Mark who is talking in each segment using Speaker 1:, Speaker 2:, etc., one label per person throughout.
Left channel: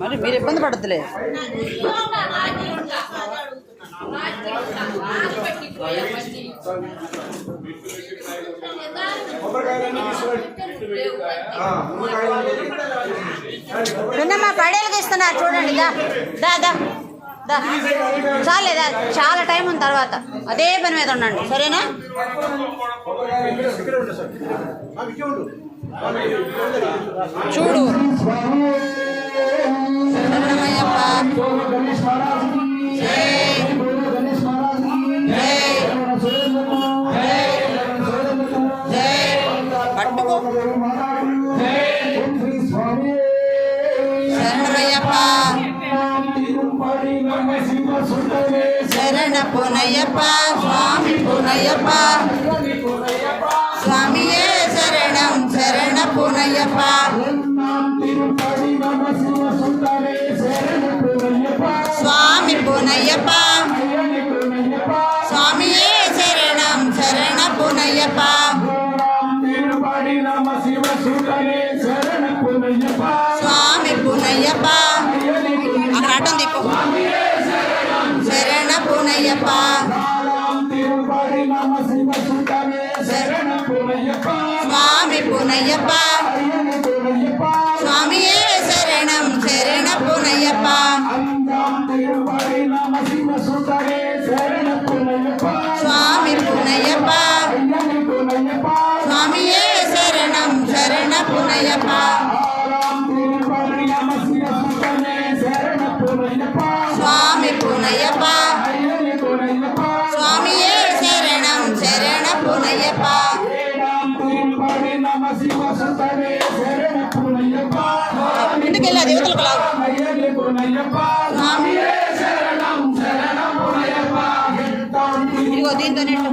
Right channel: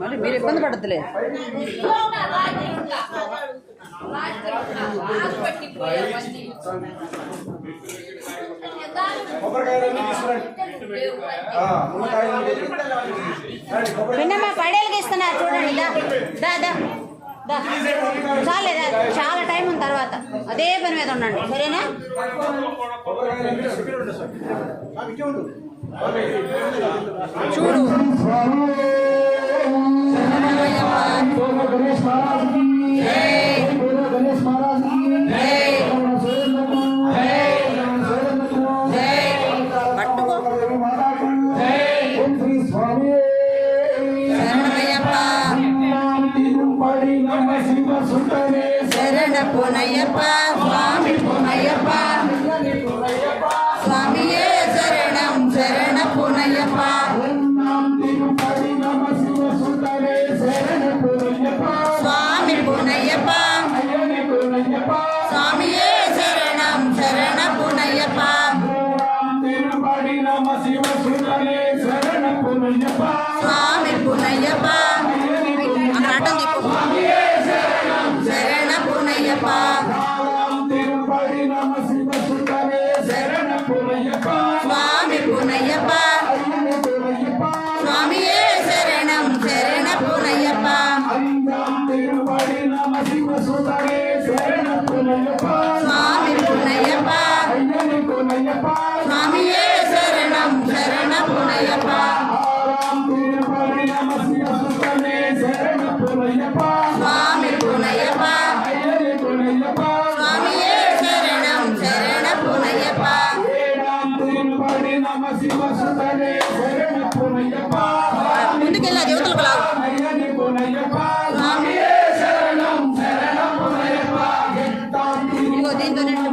Speaker 1: మరి మీరు ఇబ్బంది పడతలే నిన్నమ్మా పడేళ్ళకి ఇస్తున్నారు. చూడండి దా దా దా దా. చాలేదా చాలా టైం ఉంది తర్వాత. అదే పని మీద ఉండండి సరేనా? చూడు. ಶರಣ ಪುನಯ್ಯಪ್ಪ ಸ್ವಾಮಿ ಪುನಯ್ಯಪ್ಪ ಸ್ವಾಮಿಯೇ ಶರಣಂ ಶರಣ ಪುನಯ್ಯಪ್ಪ சரணத்தில் புனையப்பா. சுவாமியே சரணம் சரண புனையப்பா. சுவாமி புனையப்பா. அக்கட அட்டம் சரண புனையப்பா. ఇంటికెళ్ళి అది యువతలకు ఇదిగో దీంతో నెట్టు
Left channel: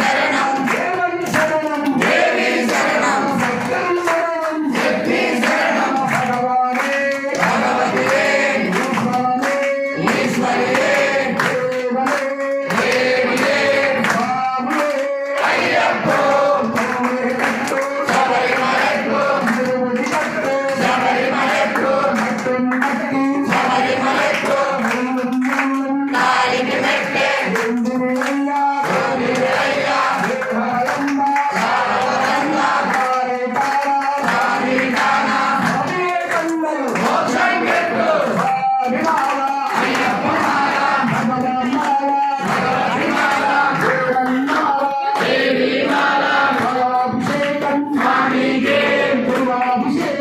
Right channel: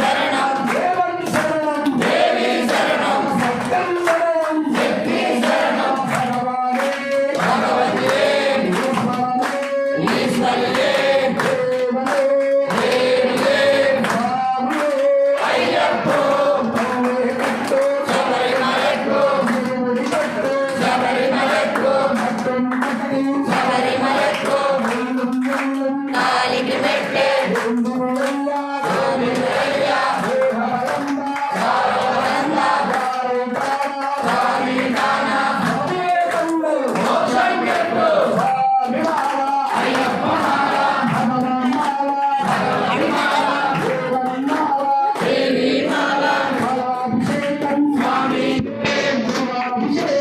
Speaker 2: Better